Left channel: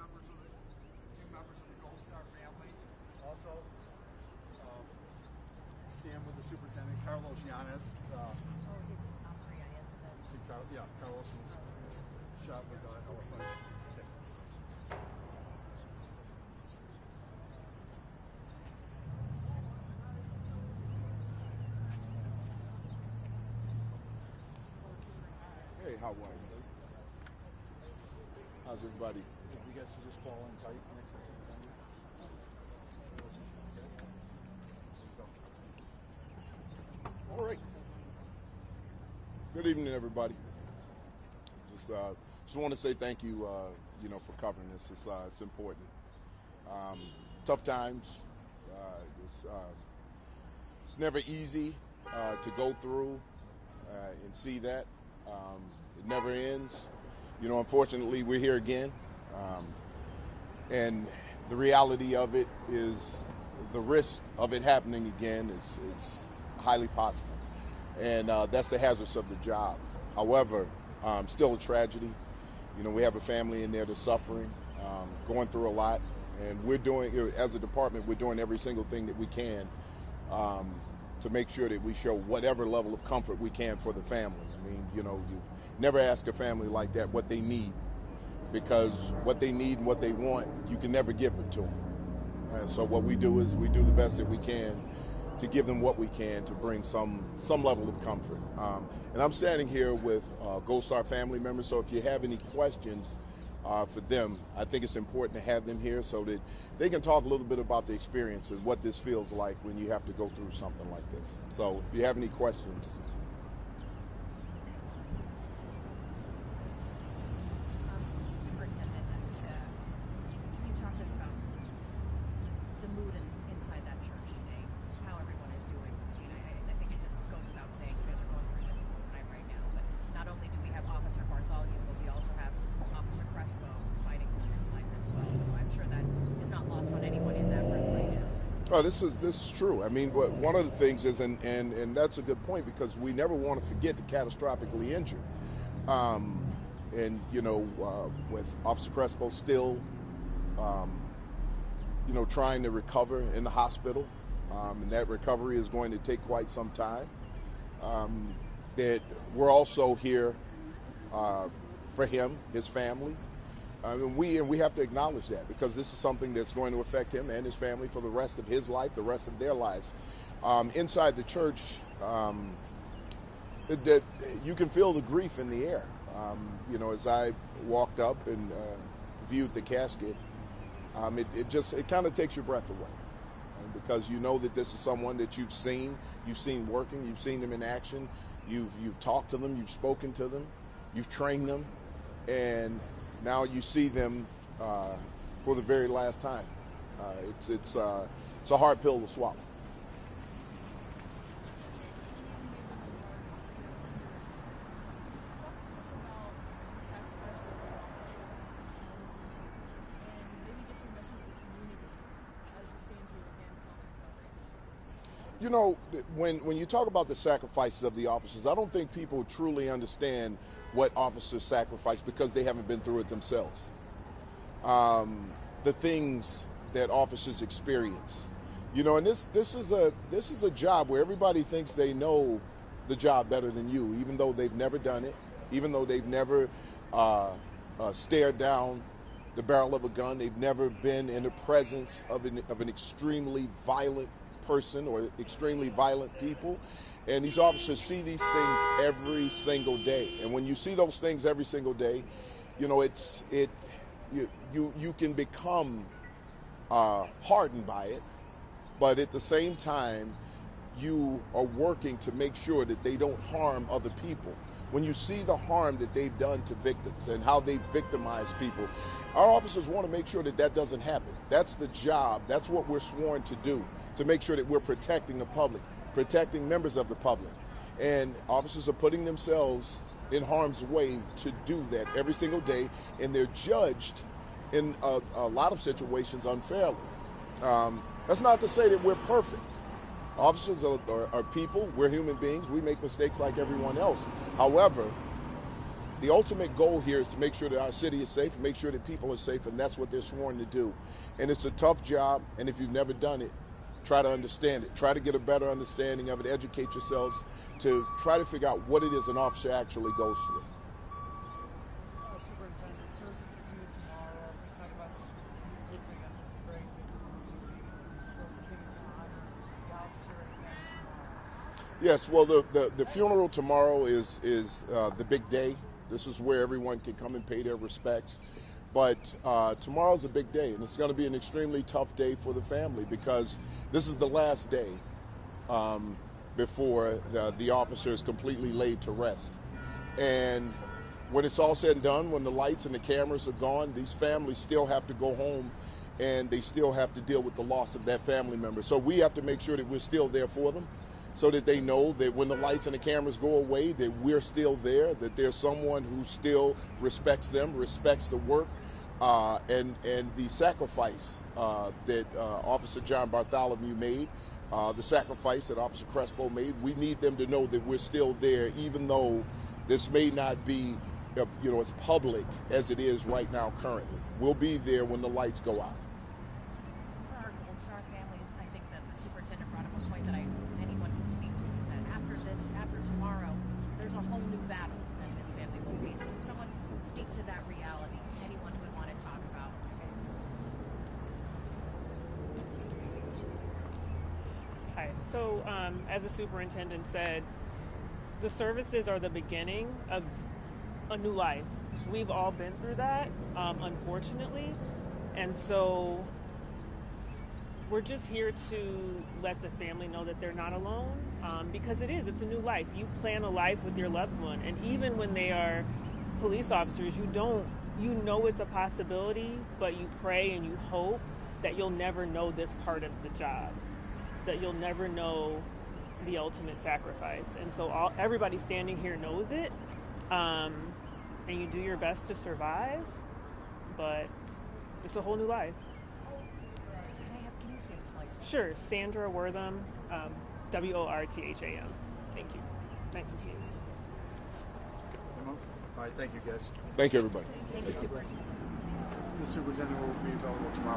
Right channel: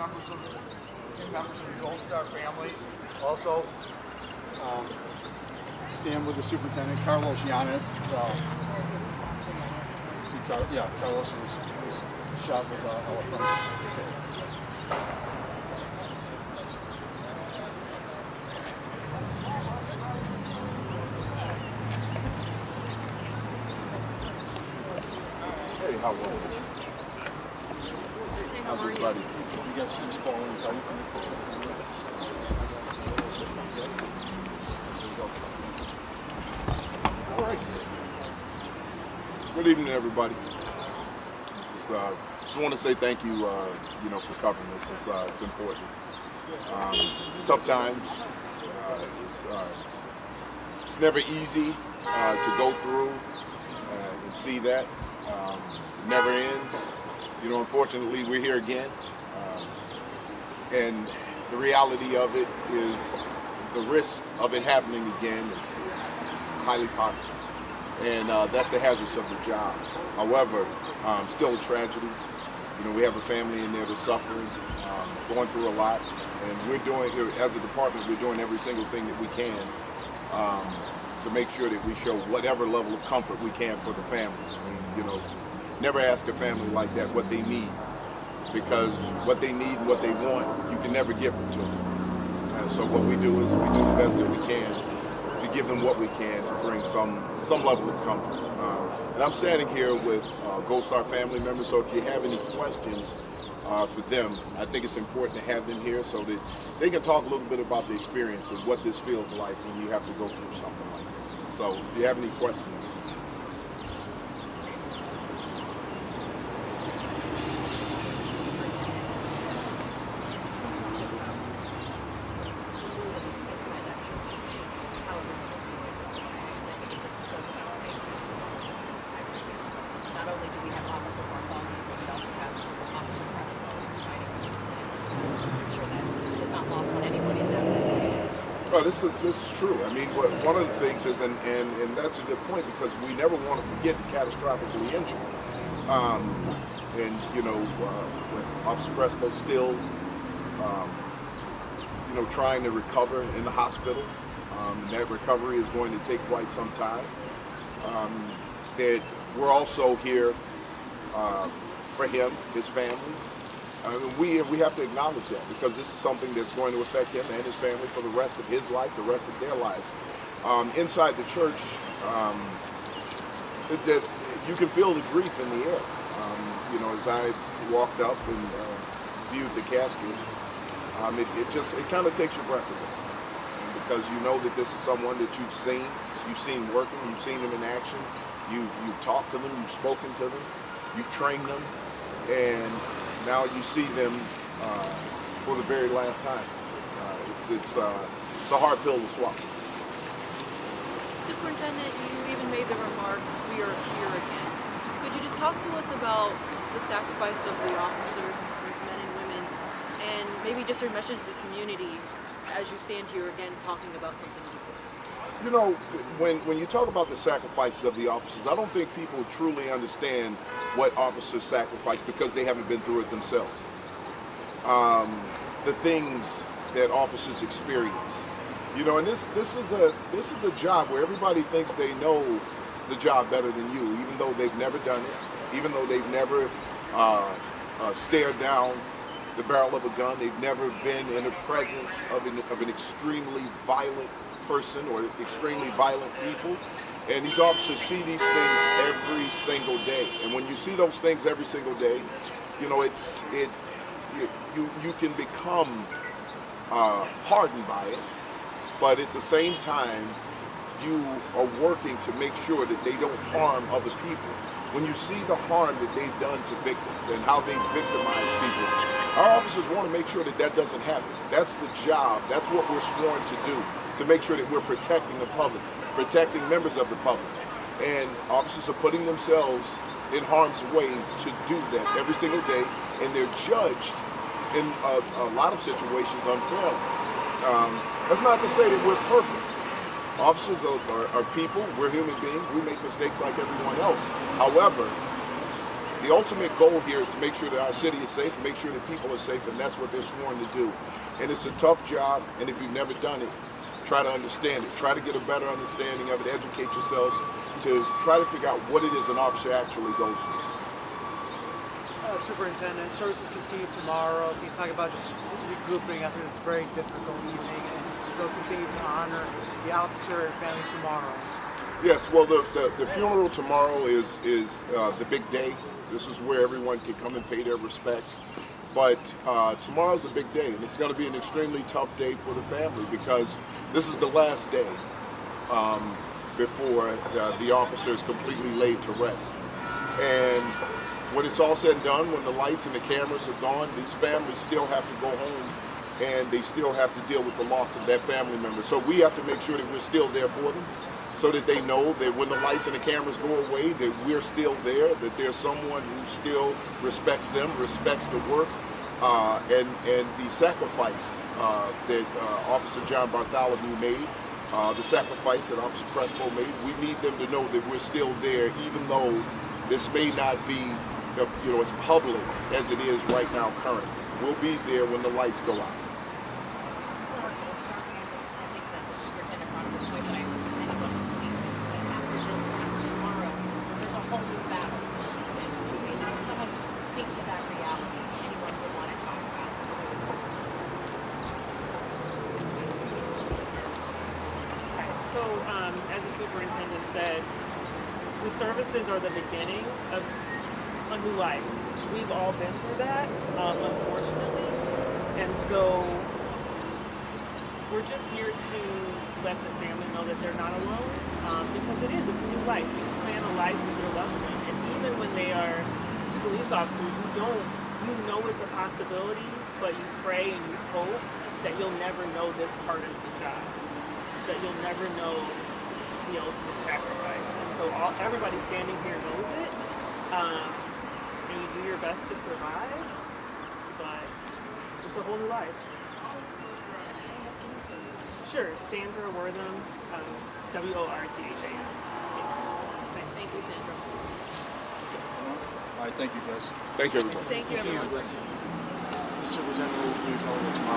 a few members of the Gold Star families. Also, stand with the superintendent, Carlos Llanes. Carlos was shot with elephants. Hey, how are you? How's everybody? You guys just fall in tight? All right. Good evening, everybody. Just want to say thank you, for covering this. It's important. Tough times. It's never easy to go through and see that. Never ends. Unfortunately, we're here again. And the reality of it is the risk of it happening again is highly possible. And that's the hazards of the job. However, still a tragedy. We have a family in there that's suffering, going through a lot. And we're doing, as a department, we're doing every single thing that we can to make sure that we show whatever level of comfort we can for the family. Never ask a family like that what they need, because what they need and what they want, you can never give it to them. So what we do is we do the best that we can to give them what we can to bring some level of comfort. And I'm standing here with Gold Star family members, so if you have any questions for them, I think it's important to have them here so that they can talk a little bit about the experience of what this feels like when you have to go through something like this. So if you have any questions. Oh, this is true. I mean, one of the things is, and that's a good point, because we never want to forget the catastrophically injured. With Officer Crespo still, trying to recover in the hospital, that recovery is going to take quite some time. That we're also here for him, his family. I mean, we have to acknowledge that, because this is something that's going to affect him and his family for the rest of his life, the rest of their lives. Inside the church, you can feel the grief in the air. As I walked up and viewed the casket, it kind of takes your breath away, because you know that this is someone that you've seen working, you've seen them in action, you've talked to them, you've spoken to them, you've trained them, and now you see them for the very last time. It's a hard pill to swallow. Superintendent, you even made the remarks, "We are here again." Could you just talk to us about the sacrifice of the officers, these men and women, and maybe just your message to the community as you stand here again talking about something like this? When you talk about the sacrifices of the officers, I don't think people truly understand what officers sacrifice, because they haven't been through it themselves. The things that officers experience, and this is a job where everybody thinks they know the job better than you, even though they've never done it, even though they've never stared down the barrel of a gun, they've never been in the presence of an extremely violent person or extremely violent people. And these officers see these things every single day. And when you see those things every single day, you can become hardened by it, but at the same time, you are working to make sure that they don't harm other people. When you see the harm that they've done to victims and how they victimize people, our officers want to make sure that that doesn't happen. That's the job. That's what we're sworn to do, to make sure that we're protecting the public, protecting members of the public. And officers are putting themselves in harm's way to do that every single day, and they're judged in a lot of situations unfairly. That's not to say that we're perfect. Officers are people, we're human beings, we make mistakes like everyone else. However, The ultimate goal here is to make sure that our city is safe, make sure that people are safe, and that's what they're sworn to do. And it's a tough job, and if you've never done it, try to understand it. Try to get a better understanding of it, educate yourselves to try to figure out what it is an officer actually goes through. Superintendent, services continue tomorrow. Can you talk about just regrouping after this very difficult evening and still continue to honor the officer and family tomorrow? Yes, well, the funeral tomorrow is the big day. This is where everyone can come and pay their respects. But tomorrow's a big day, and it's going to be an extremely tough day for the family because this is the last day before the officer is completely laid to rest. And when it's all said and done, when the lights and the cameras are gone, these families still have to go home and they still have to deal with the loss of their family member. So we have to make sure that we're still there for them so that they know that when the lights and the cameras go away, that we're still there, that there's someone who still respects them, respects the work, and the sacrifice that Officer John Bartholomew made, the sacrifice that Officer Crespo made. We need them to know that we're still there, even though this may not be as public as it is right now currently. We'll be there when the lights go out. So, as the superintendent said, the services are the beginning of a new life. We've all been through that, unfortunately, and so we're just here to let the family know that they're not alone, because it's a new life. You plan a life with your loved one, and even when they are police officers, you know it's a possibility, but you pray and you hope that you'll never know this part of the job, that you'll never know the ultimate sacrifice. And so everybody standing here knows it, and you do your best to survive, but it's a whole new life. Sure, Sandra Wortham, Wortham. Thanks. Nice. Thank you, Sandra. All right, thank you, guys. Thank you, everybody. Thank you, everyone. The superintendent will be available tomorrow.